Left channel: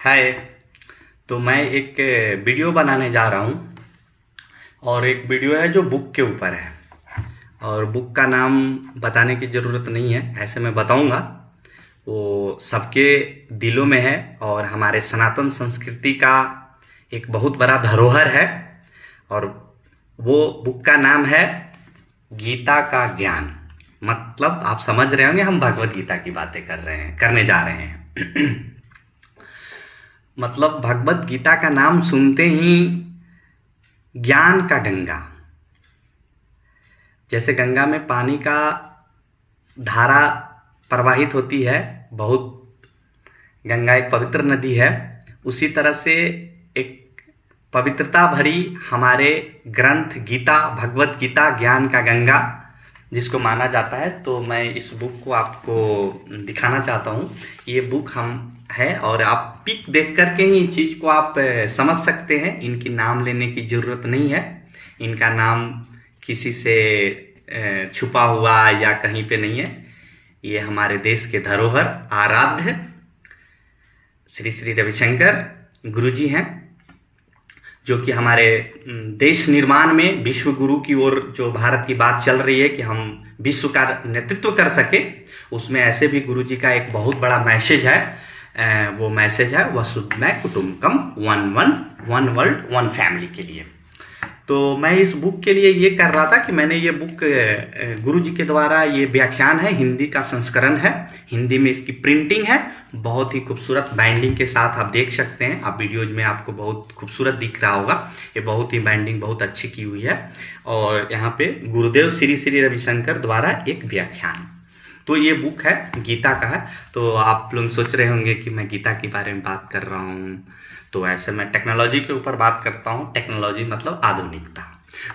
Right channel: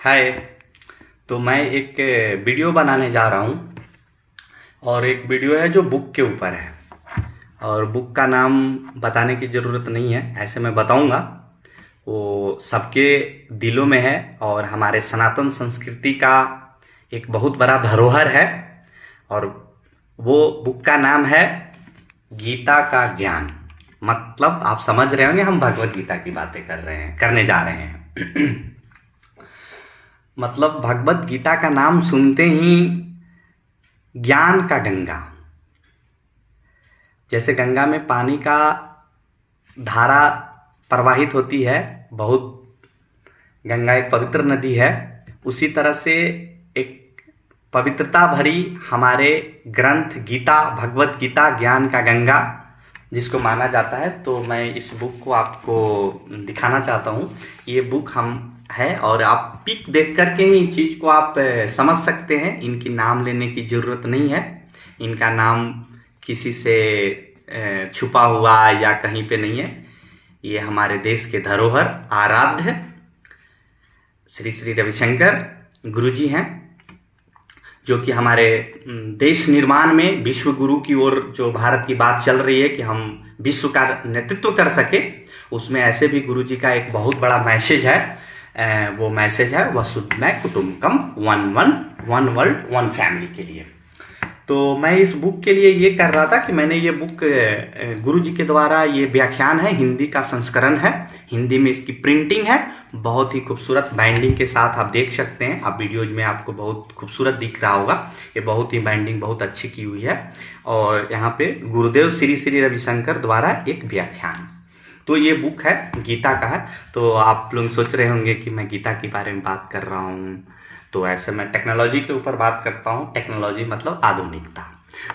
हाय। तो मैं एक वीडियो बनाने जा रहा हूँ और एक वीडियो है जो बुक के ऊपर है। और बुक का नाम बताने की ज़रूरत नहीं है, ऐसे मैं बताऊँगा। वो सबके दिलों में है और हमारे सनातन संस्कृति का एक बहुत बड़ा धरोहर है। और वो बुक का नाम है गीता का ज्ञान। मतलब आप समझ रहे होंगे हम भगवत गीता की बातें करने जा रहे हैं। मतलब भगवत गीता का नाम सुनते ही ज्ञान का गंगा, जैसे गंगा में पानी का धारा प्रवाहित होती है, बहुत गंगा एक पवित्र नदी है, उसी तरह से एक पवित्रता भरी हमारे ग्रंथ गीता, भगवत गीता ज्ञान का गंगा जिसको माना जाता है। तो मैं इस बुक को आपको दिखाना चाहता हूँ। ये बुक हम है और आप पिक देख करके ही इस चीज़ को आप समझ सकते हैं। इनकी नाम लेने की ज़रूरत नहीं है, इनका नाम किसी से छुपा हुआ या कहीं पे नहीं है। ये हमारे देश के धरोहर आराध्य श्री श्री रविशंकर गुरुजी हैं, जो कि हमारे देश निर्माण में विश्व गुरु की ओर जो भारत की बात चल रही है कि हम विश्व का नेतृत्व कर सके, उसमें ऐसे भी गुरुजी का एक बहुत बड़ा मैसेज है। वो मैसेज है वसुधैव कुटुंबकम, वन वर्ल्ड वन फैमिली के लिए। तो मैं इस बुक के लिए ये कर रहा था कि मैंने ये बुक गुरुजी के द्वारा, ये व्याख्यान है, हिंदी का संस्करण है, हिंदी में इसकी प्रिंटिंग है, बहुत ही खूबसूरत बाइंडिंग के साथ आप देख सकते हैं। आप वीडियोज में आपको बहुत खूबसूरत दिख रहा होगा। ये बहुत ही बाइंडिंग बहुत अच्छी की हुई है। और यहाँ पे गुरुदेव श्री श्री रविशंकर द्वारा एक व्याख्यान। तो ये बुक है, गीता का है। तो आप लोग सोच रहे होंगे कि मैं गीता के बारे में बात कर रहा हूँ, तो ऐसे मैं टेक्नोलॉजी के ऊपर बात करता हूँ। टेक्नोलॉजी मतलब आधुनिकता।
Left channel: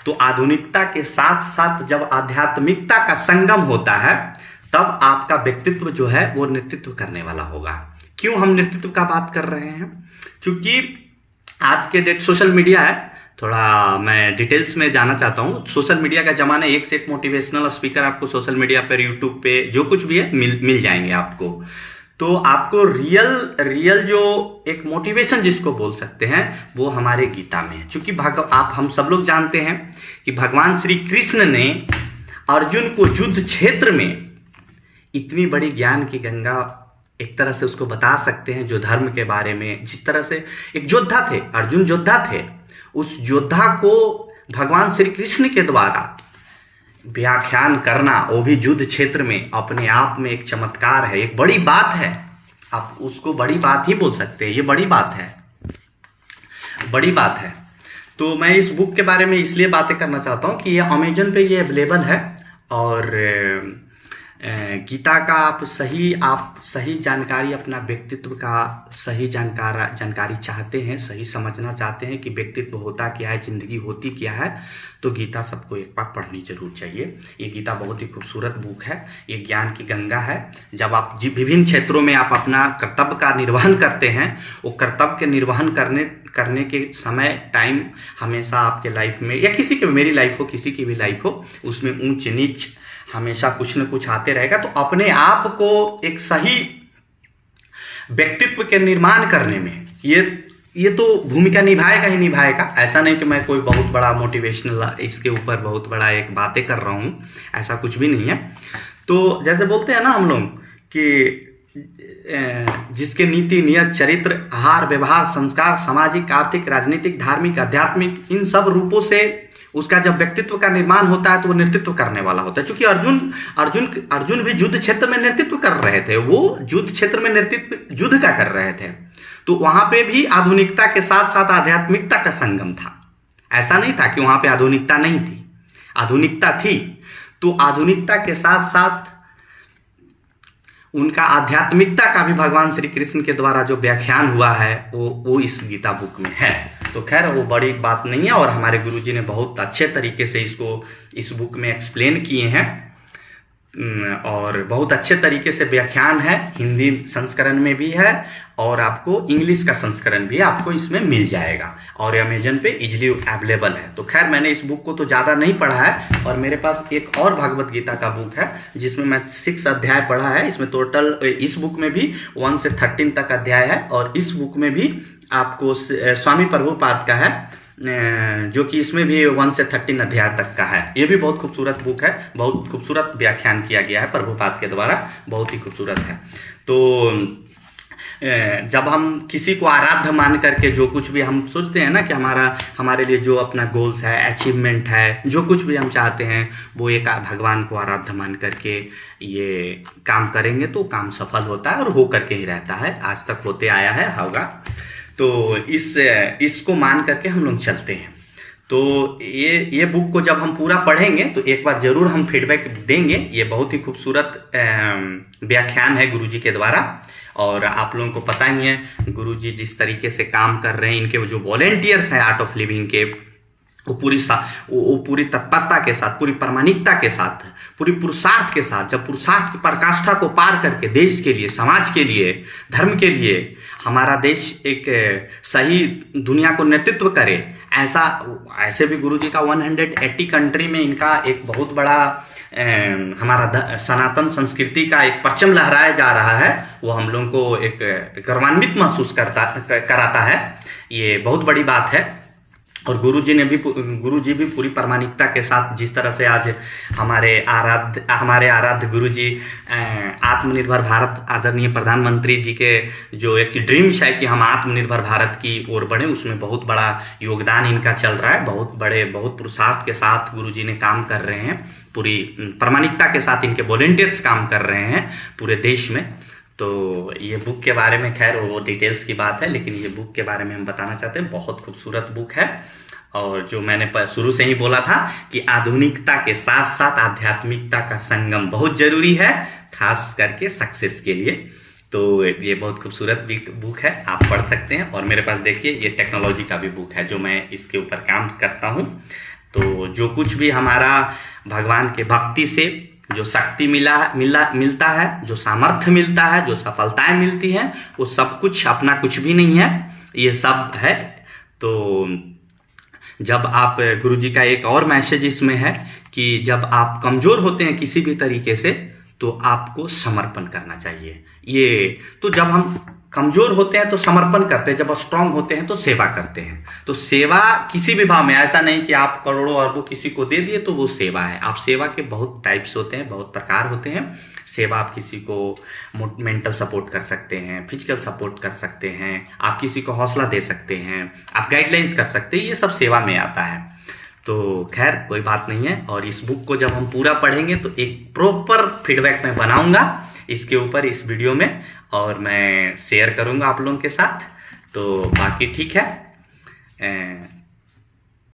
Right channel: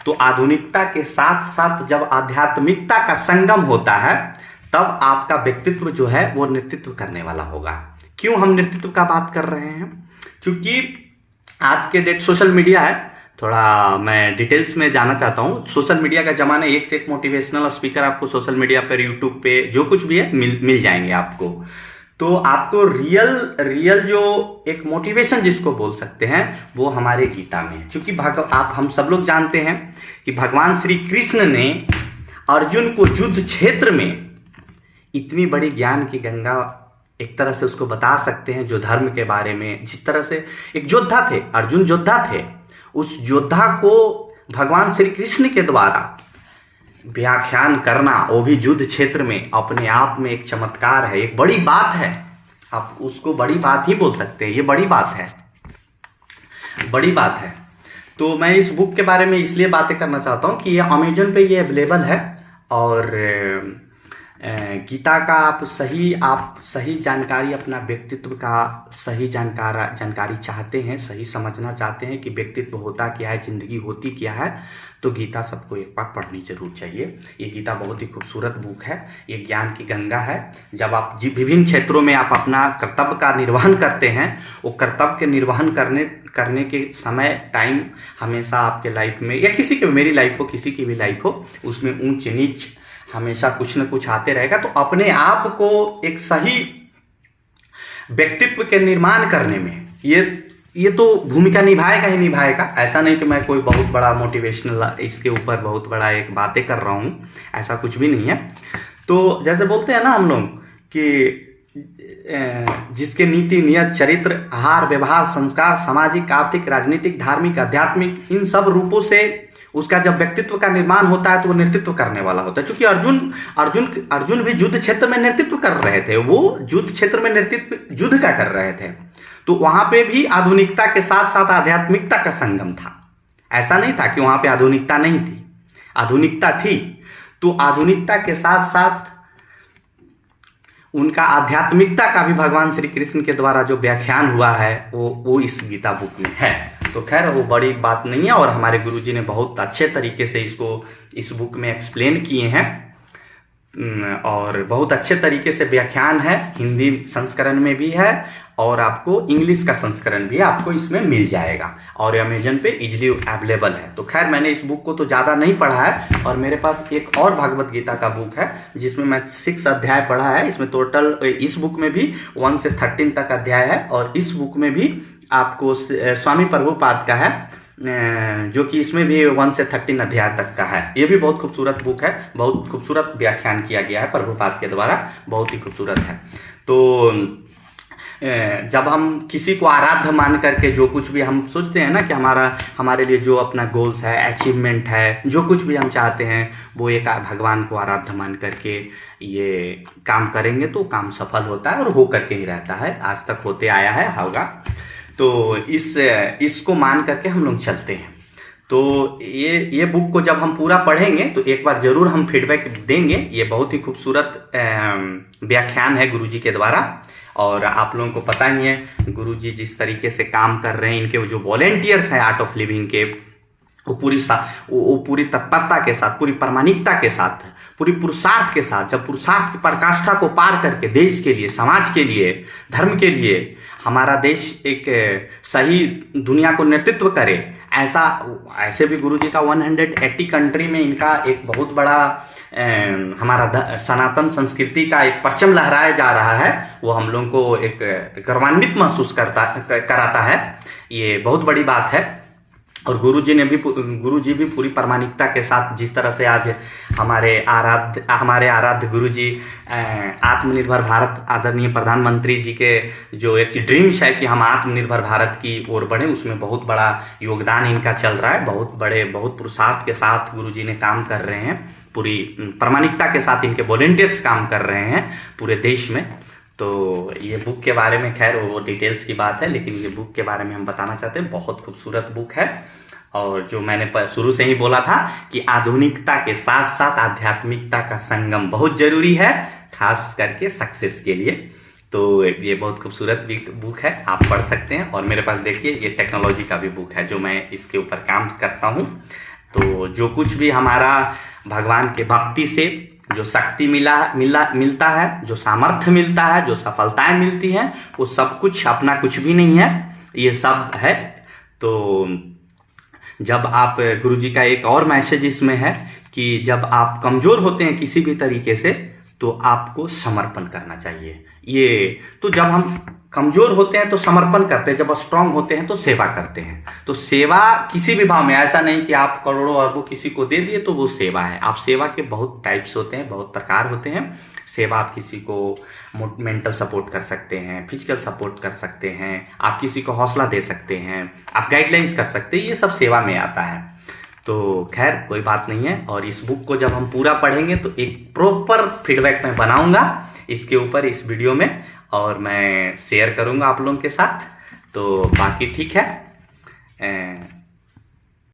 तो आधुनिकता के साथ साथ जब आध्यात्मिकता का संगम होता है, तब आपका व्यक्तित्व जो है वो नेतृत्व करने वाला होगा। क्यों हम नेतृत्व का बात कर रहे हैं? क्योंकि आज के डेट सोशल मीडिया है। थोड़ा मैं डिटेल्स में जाना चाहता हूँ। सोशल मीडिया का जमाना, एक से एक मोटिवेशनल स्पीकर आपको सोशल मीडिया पर, यूट्यूब पे, जो कुछ भी है मिल जाएंगे आपको। तो आपको रियल जो एक मोटिवेशन जिसको बोल सकते हैं, वो हमारे गीता में है। क्योंकि आप हम सब लोग जानते हैं कि भगवान श्री कृष्ण ने अर्जुन को युद्ध क्षेत्र में इतनी बड़ी ज्ञान की गंगा, एक तरह से उसको बता सकते हैं, जो धर्म के बारे में, जिस तरह से एक योद्धा थे, अर्जुन योद्धा थे, उस योद्धा को भगवान श्री कृष्ण के द्वारा व्याख्यान करना, वो भी युद्ध क्षेत्र में, अपने आप में एक चमत्कार है, एक बड़ी बात है। आप उसको बड़ी बात ही बोल सकते हैं। ये बड़ी बात है, बड़ी बात है। तो मैं इस बुक के बारे में इसलिए बातें करना चाहता हूँ कि ये अमेजन पे ये अवेलेबल है। और गीता का आप सही जानकारी, अपना व्यक्तित्व का सही जानकारी चाहते हैं, सही समझना चाहते हैं कि व्यक्तित्व होता क्या है, जिंदगी होती क्या है, तो गीता सबको एक बार पढ़नी जरूर चाहिए। ये गीता बहुत ही खूबसूरत बुक है, ये ज्ञान की गंगा है। जब आप विभिन्न क्षेत्रों में आप अपना कर्तव्य का निर्वहन करते हैं, वो कर्तव्य के निर्वहन करने के समय, टाइम हमेशा आपके लाइफ में, या किसी की, मेरी लाइफ हो, किसी की भी लाइफ हो, उसमें ऊंच नीच हमेशा कुछ न कुछ आते रहेगा। तो अपने आप को एक सही व्यक्तित्व के निर्माण करने में ये तो भूमिका निभाएगा ही निभाएगा। ऐसा नहीं कि मैं कोई बहुत बड़ा मोटिवेशनल इसके ऊपर बहुत बड़ा एक बातें कर रहा हूँ, ऐसा कुछ भी नहीं है। तो जैसे बोलते हैं ना हम लोग कि जिसके नीति, नियत, चरित्र, आहार, व्यवहार, संस्कार, सामाजिक, आर्थिक, राजनीतिक, धार्मिक, आध्यात्मिक, इन सब रूपों से उसका जब व्यक्तित्व का निर्माण होता है, तो वो नेतृत्व करने वाला होता है। क्योंकि अर्जुन भी युद्ध क्षेत्र में नेतृत्व कर रहे थे। वो युद्ध क्षेत्र में नेतृत्व युद्ध का कर रहे थे। तो वहां पे भी आधुनिकता के साथ साथ आध्यात्मिकता का संगम था। ऐसा नहीं था कि वहां पे आधुनिकता नहीं थी, आधुनिकता थी। तो आधुनिकता के साथ साथ उनका आध्यात्मिकता का भी भगवान श्री कृष्ण के द्वारा जो व्याख्यान हुआ है, वो इस गीता बुक में है। तो खैर वो बड़ी बात नहीं है, और हमारे गुरुजी ने बहुत अच्छे तरीके से इसको इस बुक में एक्सप्लेन किए हैं। और बहुत अच्छे तरीके से व्याख्यान है, हिंदी संस्करण में भी है और आपको इंग्लिश का संस्करण भी आपको इसमें मिल जाएगा और अमेजन पे इजीली अवेलेबल है। तो खैर मैंने इस बुक को तो ज़्यादा नहीं पढ़ा है और मेरे पास एक और भगवत गीता का बुक है जिसमें मैं 6 अध्याय पढ़ा है। इसमें टोटल इस बुक में भी 1 से 13 तक अध्याय है और इस बुक में भी आपको स्वामी प्रभुपाद का है जो कि इसमें भी 1 से 13 अध्याय तक का है। ये भी बहुत खूबसूरत बुक है, बहुत खूबसूरत व्याख्यान किया गया है प्रभुपाद के द्वारा, बहुत ही खूबसूरत है। तो जब हम किसी को आराध्य मान करके जो कुछ भी हम सोचते हैं ना कि हमारे लिए जो अपना गोल्स है, अचीवमेंट है, जो कुछ भी हम चाहते हैं वो एक भगवान को आराध्य मान करके ये काम करेंगे तो काम सफल होता है और हो करके ही रहता है, आज तक होते आया है, होगा। तो इसको मान करके हम लोग चलते हैं। तो ये बुक को जब हम पूरा पढ़ेंगे तो एक बार जरूर हम फीडबैक देंगे। ये बहुत ही खूबसूरत व्याख्यान है गुरुजी के द्वारा और आप लोगों को पता ही है गुरुजी जिस तरीके से काम कर रहे हैं, इनके जो वॉलेंटियर्स हैं आर्ट ऑफ लिविंग के, वो पूरी तत्परता के साथ, पूरी प्रामाणिकता के साथ, पूरी पुरुषार्थ के साथ, जब पुरुषार्थ की पराकाष्ठा को पार करके देश के लिए, समाज के लिए, धर्म के लिए हमारा देश एक सही दुनिया को नेतृत्व करे, ऐसे भी गुरुजी का 180 कंट्री में इनका एक बहुत बड़ा हमारा सनातन संस्कृति का एक परचम लहराया जा रहा है, वो हम लोगों को एक गर्वान्वित महसूस कराता है। ये बहुत बड़ी बात है। और गुरुजी भी पूरी प्रामाणिकता के साथ जिस तरह से आज हमारे आराध्य गुरुजी आत्मनिर्भर भारत आदरणीय प्रधानमंत्री जी के जो एक ड्रीम्स है कि हम आत्मनिर्भर भारत की ओर बढ़े, उसमें बहुत बड़ा योगदान इनका चल रहा है। बहुत पुरुषार्थ के साथ गुरुजी ने काम कर रहे हैं, पूरी प्रामाणिकता के साथ इनके वॉलेंटियर्स काम कर रहे हैं पूरे देश में। तो ये बुक के बारे में खैर वो डिटेल्स की बात है, लेकिन ये बुक के बारे में हम बताना चाहते हैं, बहुत खूबसूरत बुक है। और जो मैंने शुरू से ही बोला था कि आधुनिकता के साथ साथ आध्यात्मिकता का संगम बहुत जरूरी है, खास करके सक्सेस के लिए। तो ये बहुत खूबसूरत बुक है, आप पढ़ सकते हैं। और मेरे पास देखिए ये टेक्नोलॉजी का भी बुक है जो मैं इसके ऊपर काम करता हूँ। तो जो कुछ भी हमारा भगवान के भक्ति से जो शक्ति मिलता है, जो सामर्थ्य मिलता है, जो सफलताएं मिलती हैं, वो सब कुछ अपना कुछ भी नहीं है, ये सब है। तो जब आप गुरुजी का एक और मैसेज इसमें है कि जब आप कमजोर होते हैं किसी भी तरीके से तो आपको समर्पण करना चाहिए। ये तो जब हम कमजोर होते हैं तो समर्पण करते हैं, जब स्ट्रांग होते हैं तो सेवा करते हैं। तो सेवा किसी भी भाव में, ऐसा नहीं कि आप करोड़ों अरबों किसी को दे दिए तो वो सेवा है। आप सेवा के बहुत टाइप्स होते हैं, बहुत प्रकार होते हैं। सेवा आप किसी को मेंटल सपोर्ट कर सकते हैं, फिजिकल सपोर्ट कर सकते हैं, आप किसी को हौसला दे सकते हैं, आप गाइडलाइंस कर सकते हैं, ये सब सेवा में आता है। तो खैर कोई बात नहीं है। और इस बुक को जब हम पूरा पढ़ेंगे तो एक प्रॉपर फीडबैक मैं बनाऊंगा इसके ऊपर, इस वीडियो में, और मैं शेयर करूंगा आप लोगों के साथ। तो बाकी ठीक है।